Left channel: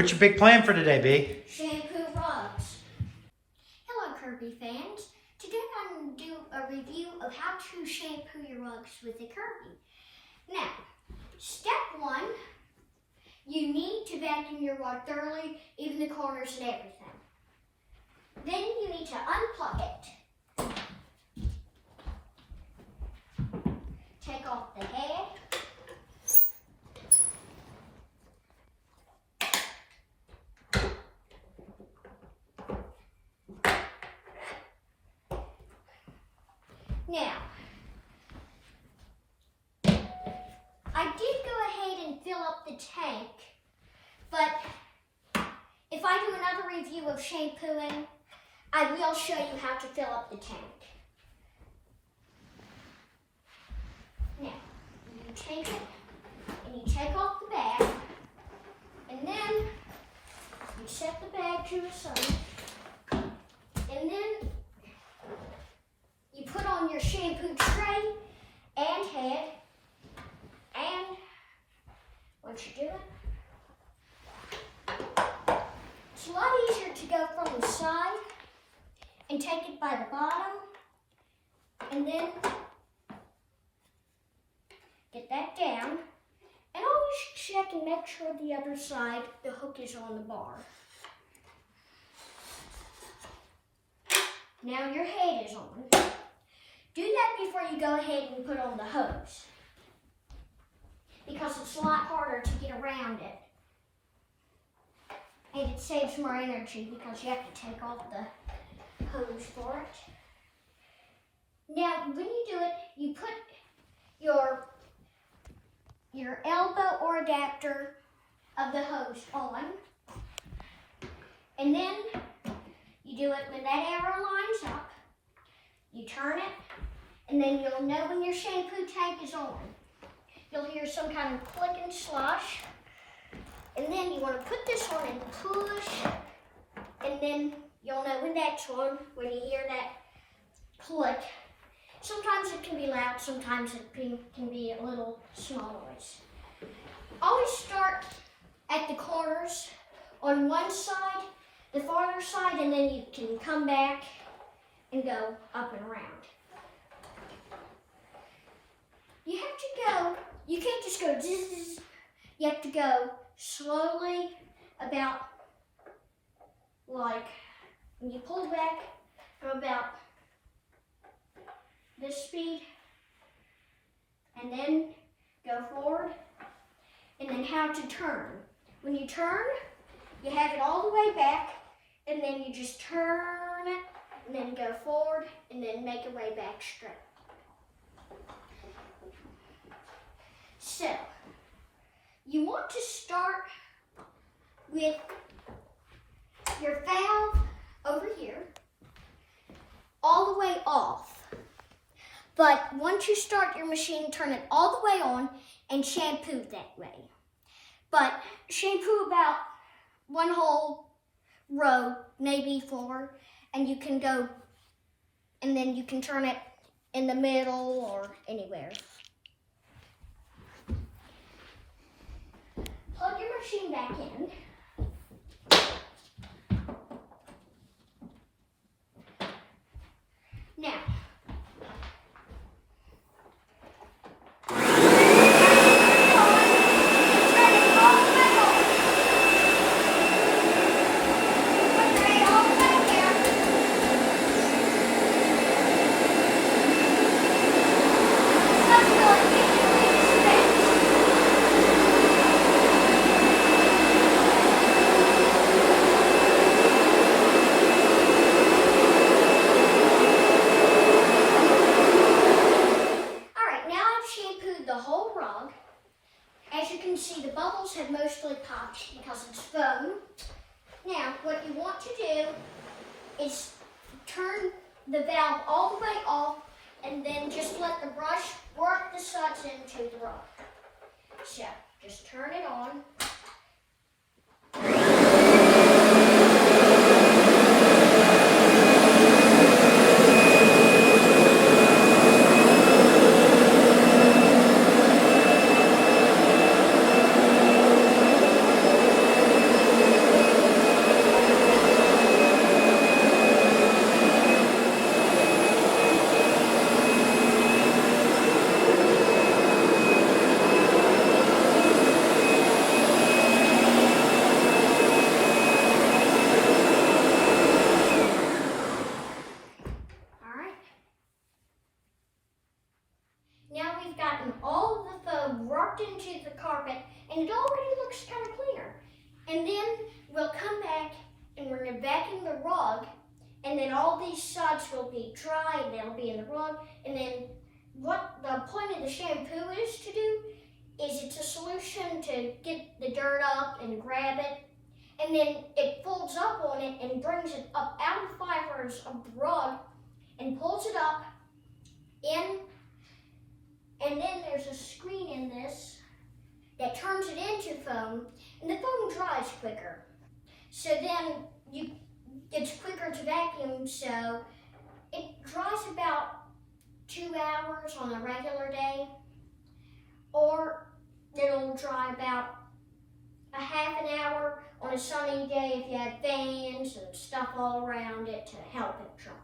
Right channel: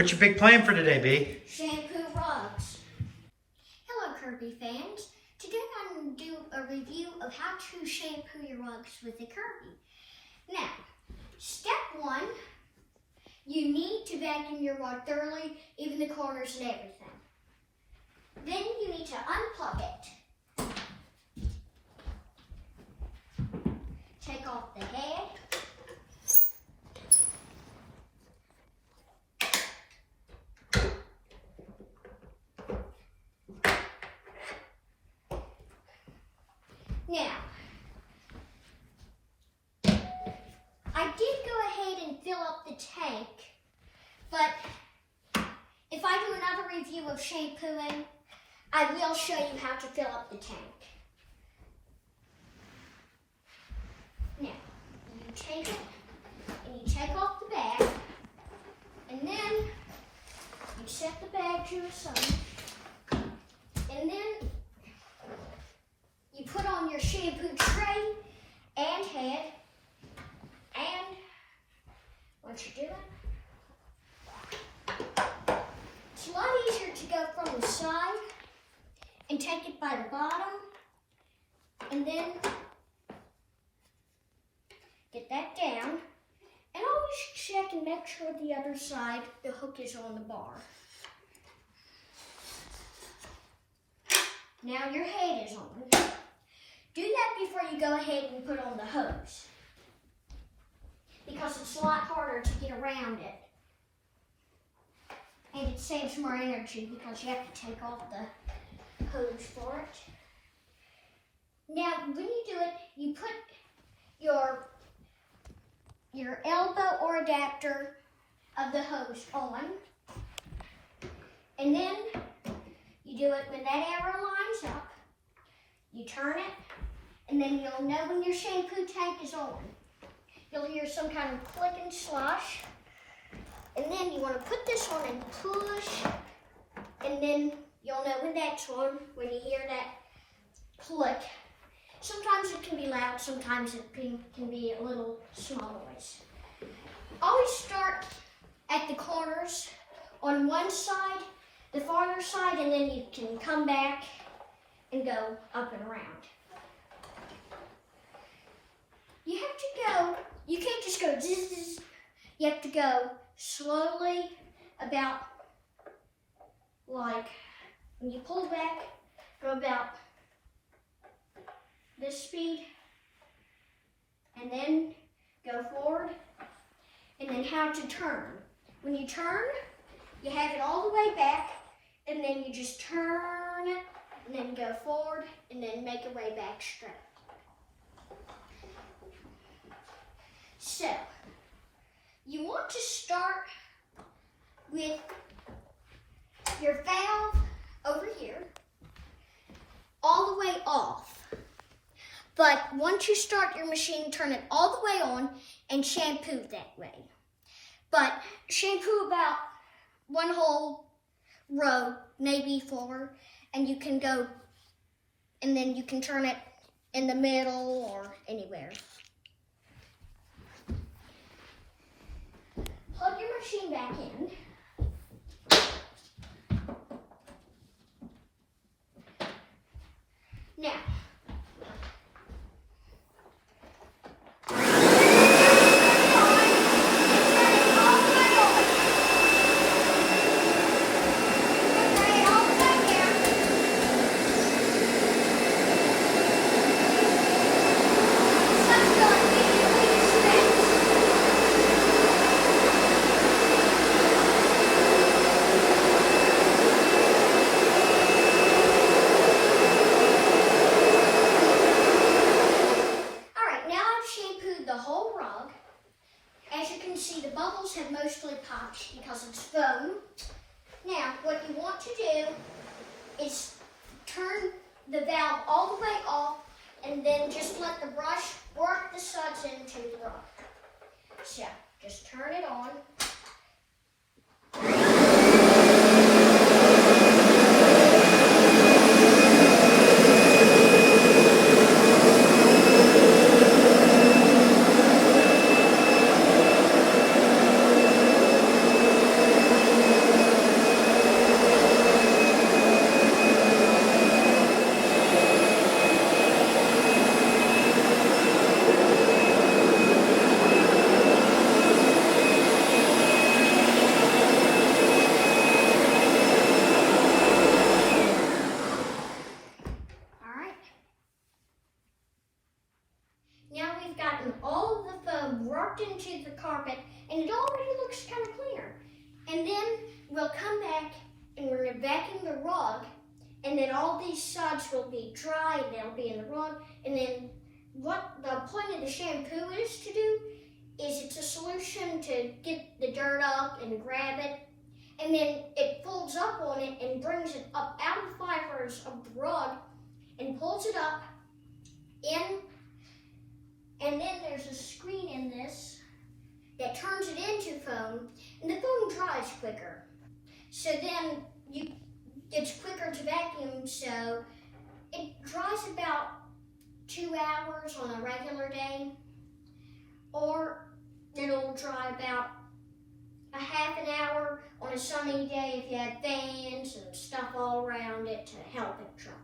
What's your big plan for today, B? Shampoo rugs. Hello, Kirby fans. Today I'm going to do a review of how to shampoo your rugs with a Kirby. Now, step one, you need to vacuum your rug thoroughly, even the corners and everything. Then you need to unplug it. Take off the head. Now, I did go ahead and fill up the tank, but if I do another review of shampooing, I will show you how to fill up the tank. Now, you take it and you take off the bag, and then you set the bag to the side, and then you put on your shampoo tray and head, and once you do it, it's a lot easier to go from the side and take it by the bottom, and then get that down, and always check and make sure the other side, the hook is on the bar. Now your head is on. Do that before you go ahead and put on the hose, because it's a lot harder to get around it. And it saves more energy because you have to take off the hose for it. Now, when you do it, you put your elbow or adapter of the hose on, and then you do it when that arrow lines up. You turn it, and then you'll know when your shampoo tank is on. You'll hear some kind of click and slosh. And then you want to put this on and push, and then you'll know when that's on, when you hear that click. Sometimes it can be loud, sometimes it can be a little small noise. Always start at the corners on one side, the farther side, and then you can come back and go up and around. You have to go, you can't just go zzz, you have to go slowly, about like, when you pull back, go about this speed, and then go forward, and then how to turn. When you turn, you have it all the way back, and then you just turn it, and then go forward, and then make your way back straight. So, you want to start with your valve over here, all the way off. But once you start your machine, turn it all the way on and shampoo that way. But shampoo about one whole row, maybe 4, and you can go, and then you can turn it in the middle or anywhere. Plug your machine back in. Now, see, the bubbles have mostly popped because it's foam. Now, what you want to do is turn the valve all the way off, and then just let the brush work the suds into the rug. So, just turn it on. we've gotten all of the foam worked into the carpet, and it already looks kind of cleaner. And then we'll come back and we're gonna vacuum the rug, and then all these suds will be dry and they'll be in the rug. And then what the point of the shampoo is to do is it's a solution to get the dirt up and grab it. And then it folds up on it and brings it up out of the fibers of the rug and pulls it up in. And then there's a screen in this that turns it into foam, and the foam dries quicker. So then it's quicker to vacuum, so it dries about 2 hours on a regular day, or it'll dry about a half an hour on a sunny day if you have fans and stuff all around it to help it dry.